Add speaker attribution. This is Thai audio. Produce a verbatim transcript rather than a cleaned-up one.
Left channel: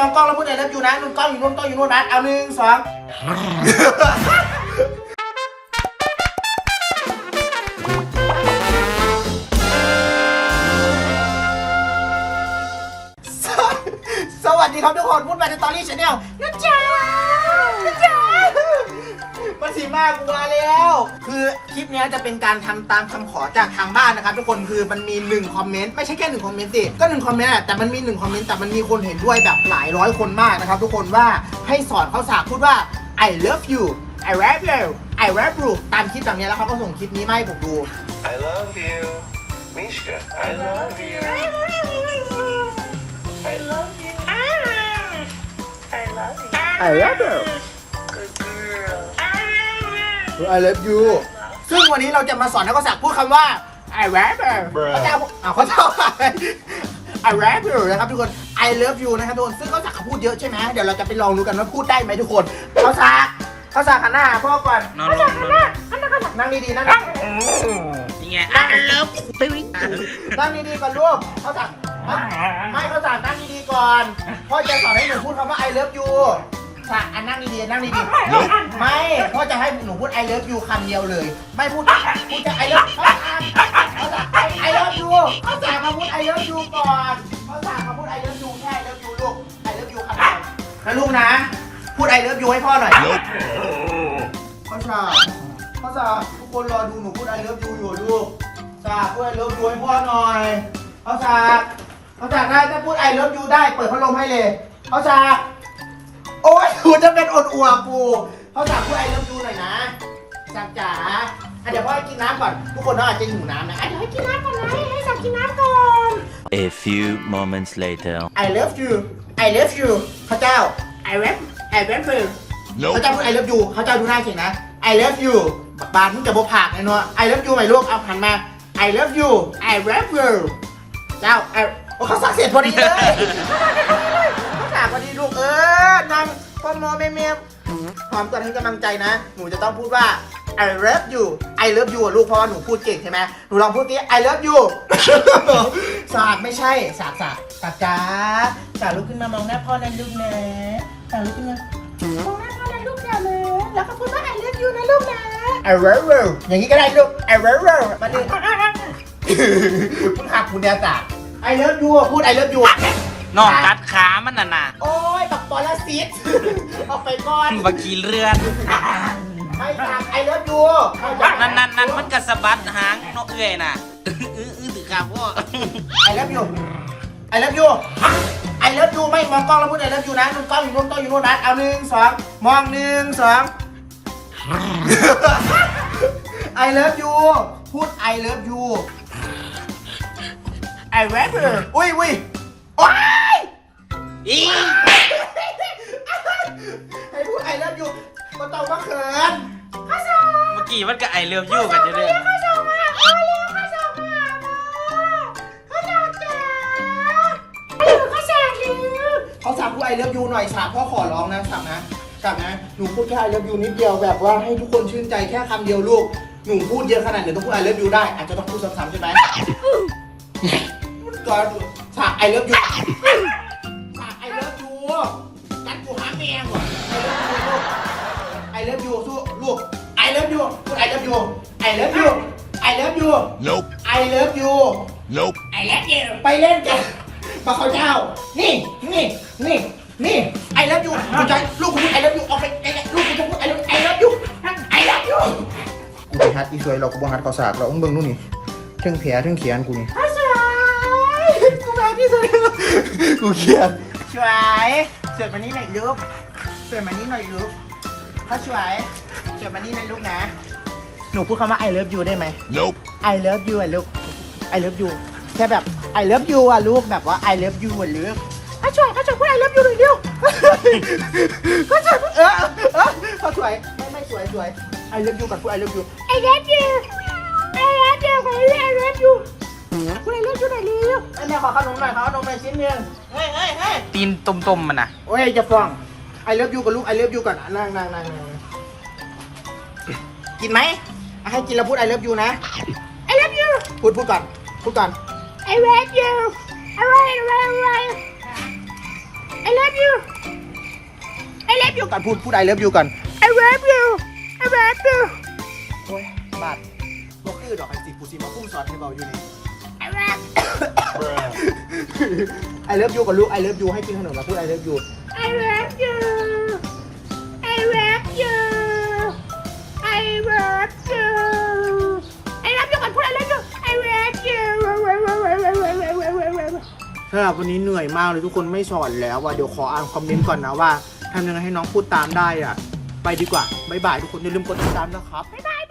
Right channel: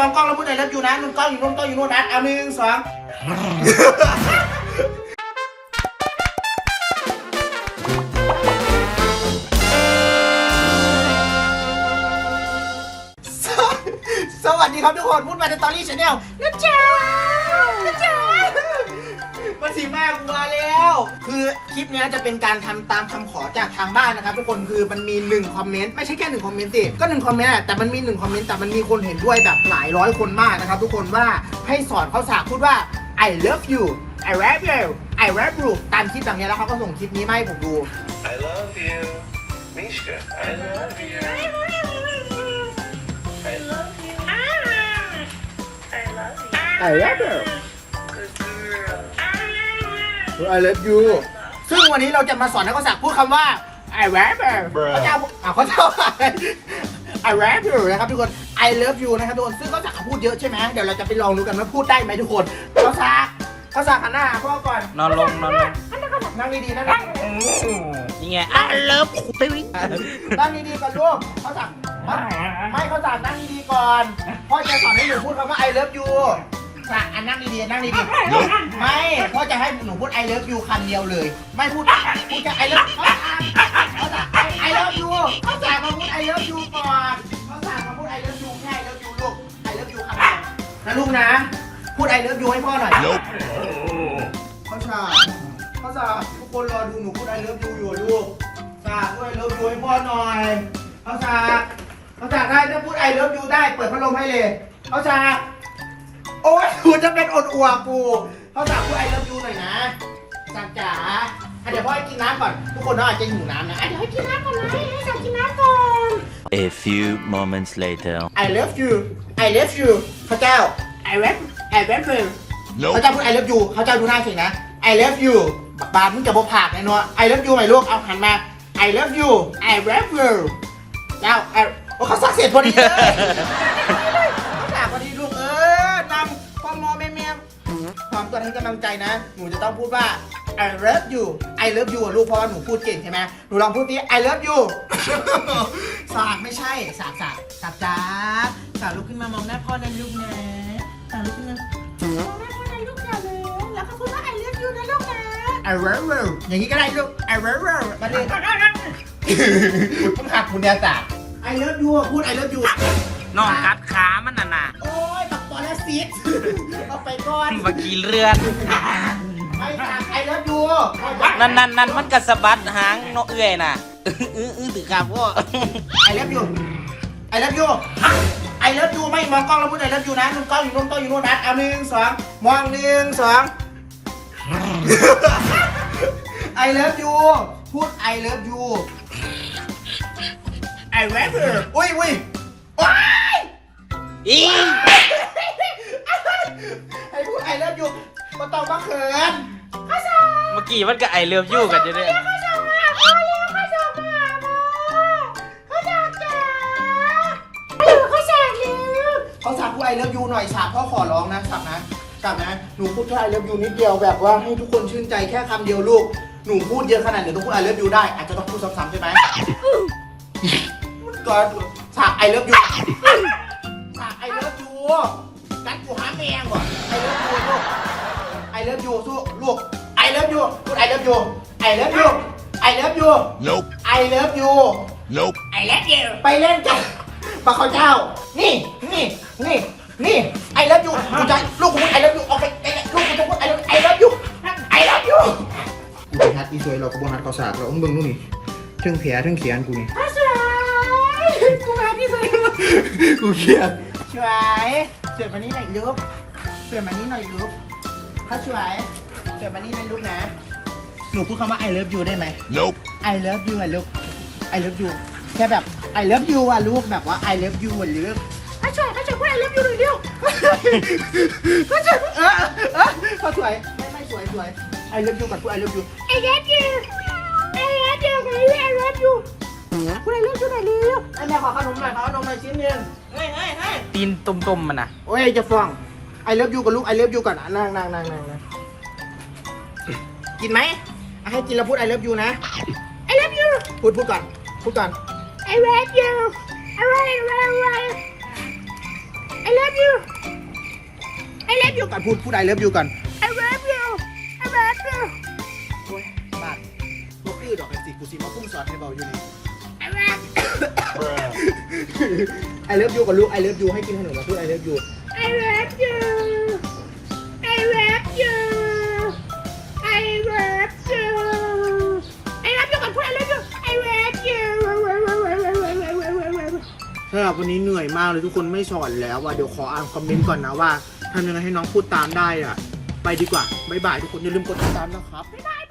Speaker 1: องกล้องแล้วพูด I love you นะนุ่นกล้องอยู่นู่นกล้องอยู่นู่นนะเอาหนึ่งสองสวัสดีครับทุกคนพูดมาในตอรี่ชาแนลนะจ๊ะนะจ๊ะมาสีมากกูมาแล้วคือคลิปนี้จะเป็นการทำตามคำขอจากทางบ้านนะครับทุกคนคือมันมีหนึ่งคอมเมนต์ไม่ใช่แค่หนึ่งคอมเมนต์สิก็หนึ่งคอมเมนต์แต่มันมีหนึ่งคอมเมนต์แต่มันมีคนเห็นด้วยแบบหลายร้อยคนมากนะครับทุกคนว่าให้สอนเขาสากพูดว่า I love you I love you I love you ตามคลิปแบบนี้แล้วเขาก็ส่งคลิปนี้มาให้ผมดู
Speaker 2: I love you Mishka I love you I love you I love you
Speaker 1: I love you
Speaker 2: Good girl
Speaker 1: I love you ซึ่งวันนี้เราจะมาสอนนักศักดิ์พูดคำว่า I love you เขาจะอ่ะเขาจะI love you นะครับทุกคน I love you นะครับทุกคนซึ่งเขาศักดิ์เขาพูดเยอะใช่ไหมเดี๋ยวเราจะไปลองดูกันว่าพูดได้ไหมทุกคนเขาศักดิ์เขาศักดิ์หันหน้าพ่อก่อน
Speaker 3: นอนลงนอนลง
Speaker 1: นั่งดีๆนั่ง
Speaker 3: ยังไงอ่ะเลิฟตึ้ง
Speaker 1: นั่งดีๆก่อนลูกเขาศักดิ์ไม่เขาศักดิ์นั่งดีๆก่อนพ่อจะสอนให้หนูพูดคำว่า I love youค่ะอันนั่งดีๆนั่งดีๆไม่พ่อจะให้หนูพูด I love you คำเดียวเลยไม่พูดพูดจะ I love เขาจะ I love you เขาจะมาพูด I love you ก่อนเขาจะมาพูด I love you แค่ I love you ลูก I love you คำเดียวนะลูกนะพูด I love you ให้พ่อหน่อยเขาจะเขาจะทุกคนรอดูหนูพูด I love you อยู่ลูกจะพูด I love you ให้พ่อหน่อยเขาจะเขาจะถ้าจะพูด I love you ได้เปิดพัดลมให้เลยเขาจะโอ้ยกูจะเป็นอดอัวกูเขาจะพูด I love you หน่อยนะจักจ๋าเดี๋ยวพ่อให้กินน้ำก่อนทุกคนอาจจะหิวน้ำนะเดี๋ยวให้กินน้ำก่อนนะให้สั่งกินน้ำก่อน
Speaker 4: A few moments later
Speaker 1: I love you I love you เขาเจ้า I love I love you เขาเจ้าพูด I love you เขาเจ้าดูหน้าเฉยนะ I love you บานมึงจะบอกผักแน่นอน I love you ไหมลูกเอาหันมา I love you I love you เจ้าโอ้เขาสักเสร็จพอดีเลยเขาสักพอดีลูกเออนำพ่อมอแม่แม่พร้อมกันให้กำลังใจนะหนูจะต้องพูดว่า I love you I love you ลูกเพราะว่าหนูพูดเก่งใช่ไหมหนูลองพูดดิ I love you สากไม่ใช่สากสากสากจ้าสากลุกขึ้นมามองหน้าพ่อนั่นลูกนะสากลุกขึ้นมามองหน้าพ่อนั่นลูกนะแล้วก็พูดว่า I love you นะลูกนะ I love you อย่างนี้ก็ได้ลูก I love you มาดิคุณหักคุณเดียสาก I love you พูด I love you
Speaker 3: นอนกัดขามันน่ะนะ
Speaker 1: โอ้ยตับปอลซิสเอาไปก่อน
Speaker 3: เมื่อกี้เลือด
Speaker 1: ไม่สาก I love you
Speaker 3: นั่นนั่นนั่นมันกระสะบัดหางนกเอื้อยน่ะอื้ออื้อถือครับพ่อ
Speaker 1: I love you I love you I love you ไม่มองกล้องแล้วพูด I love you นะนุ่นกล้องอยู่นู่นกล้องอยู่นู่นนะเอาหนึ่งสองมองหนึ่งสอง I love you พูด I love you I love you อุ้ยอุ้ยโอ๊ย
Speaker 3: อี
Speaker 1: ให้พูด I love you ก็ต้องมาเขิน
Speaker 3: เมื่อกี้มันก็ไอเลิฟยูกันจะได้
Speaker 1: เขาชอบมากเขาเลี้ยงเขาชอบมากเขาชอบจ๋าเขาชอบเลยเขาสาพูด I love you หน่อยฉากพ่อขอร้องนะฉากนะฉากนะหนูพูดแค่ I love you นิดเดียวแบบว่าให้ทุกคนชื่นใจแค่คำเดียวลูกหนูพูดเยอะขนาดเดี๋ยวต้องพูด I love you ได้อาจจะต้องพูดซ้ำๆใช่ไหมก็ฉาก I love you ฉาก I love you กันกูหาแมงว่ะ I love you สู้ลูก I love you I love you I love you I love you
Speaker 4: Nope
Speaker 1: I love you
Speaker 4: Nope
Speaker 1: I love you ไปเล่นกันปะเขาเจ้านี่นี่นี่นี่ I love you คุณใจลูกคุณ I love you ออกไปลูกคุณจะพูด I love you I love you I love you กูไปฮัดอีสวยเราก็บ่ฮัดกอสากเราต้องเบิ่งนู่นนี่เทิงแผลเทิงเขียนกูนี่สวยกูฮัดที่สวยกูเขียนสวยสวยมานี่หน่อยลูกสวยมานี่หน่อยลูกเขาสวยสวยมานี่นะลูกนะหนูพูดคำว่า I love you ได้ไหม
Speaker 4: Nope
Speaker 1: I love you อ่ะลูก I love you แค่แบบ I love you อ่ะลูกแบบว่า I love you อ่ะลูกเขาสวยเขาสวยพูด I love you หนึ่งเดียวเขาสวยเออเออเขาสวยไม่ไม่สวยสวย I love you ก่อนพูด I love you I love you I love you คนนี้ I love you พูด I love you หน่อยเร็วไอ้แม่ขอขนมหน่อยขอขนมหน่อยชิ้นหนึ่งเฮ้ยเฮ้ยเฮ้ย
Speaker 3: ตีนตุ่มๆมันน่ะ
Speaker 1: โอ้ยจะฟ้อง I love you กับลูก I love you ก่อนนะนั่งนั่งนั่งนั่งกินไหมให้กินแล้วพูด I love you นะ I love you พูดพูดก่อนพูดก่อน I love you อะไรอะไรอะไร I love you I love you ก่อนพูดพูด I love you ก่อน I love you I love you โอ้ยบาดบ่คือดอกไอ้สิกูสิมาพุ่งสอนให้เบาอยู่นี่ I love I love you กับลูก I love you ให้กินขนมมาพูด I love you I love you I love you I love you I love you ก่อนพูด I love you I love you สำหรับวันนี้เหนื่อยมากเลยทุกคนไม่สอนแล้วว่ะเดี๋ยวขออ่านคอมเมนต์ก่อนนะว่าทำยังไงให้น้องพูดตามได้อ่ะไปดีกว่าบ๊ายบายทุกคนอย่าลืมกดติดตามนะครับบ๊ายบาย